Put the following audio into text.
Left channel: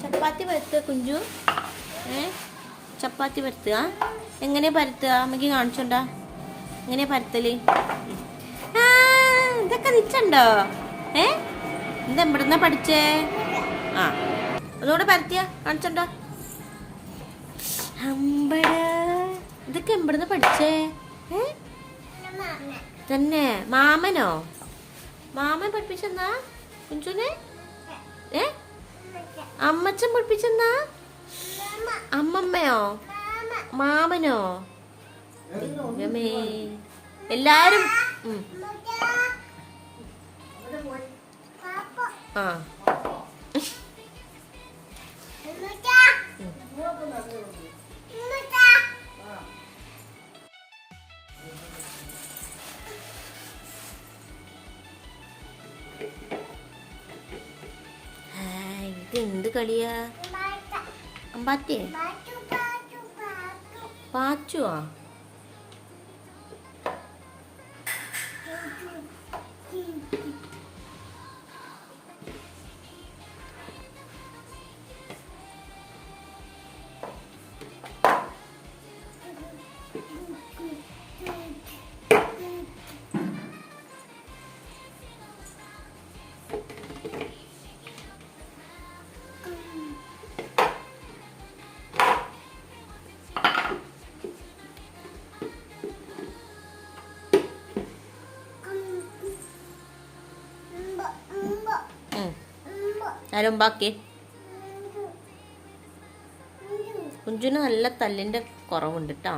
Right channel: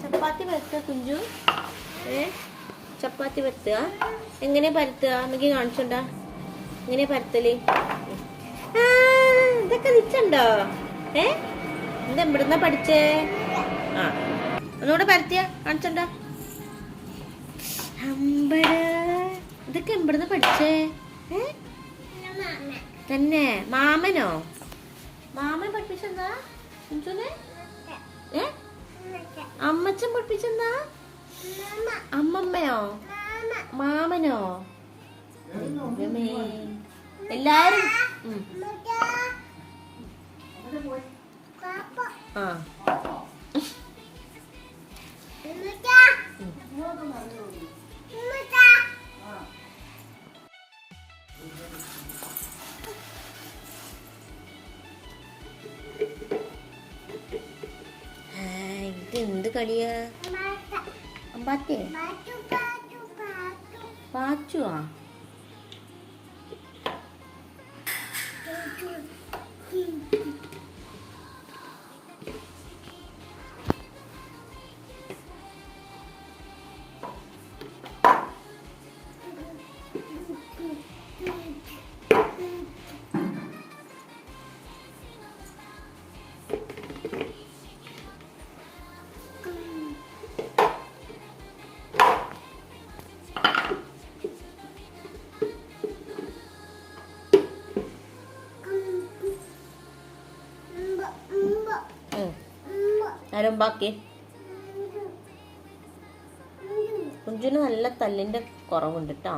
ചപ്പാത്തി പരത്തുക കുഞ്ചു. ചപ്പാത്തി പരത്തുക. എങ്ങനെ പരത്തുക അമ്മക്ക് കാണിച്ചുണ്ടോ? എങ്ങനെ പരത്തല്? ഇതൊക്കെ നിച്ചുണ്ടോ? എന്താ എവിടുന്ന പഠിച്ചേ? ആ ഒന്നുകൂടെ പരത്തിയ കാണിച്ചുണ്ടോ? ഇതൊക്കെ എവിടുന്ന പഠിച്ചേ? തന്നെ മാമനോ? മാമൻ പഠിപ്പിച്ചെന്നാ കുഞ്ചുനെ? അമ്മച്ചൻ പഠിപ്പിച്ചെന്നാ? അമ്മമ്മയോ? മാമനോ? എല്ലാരും ആ എന്ത് കളിയാ? അമ്പാറ്റേ പാച്ചുവാ? ആരും ബാക്കി കുഞ്ചുന് നല്ല തല്ലിന്റെ കുറവുണ്ട് കേട്ടോ.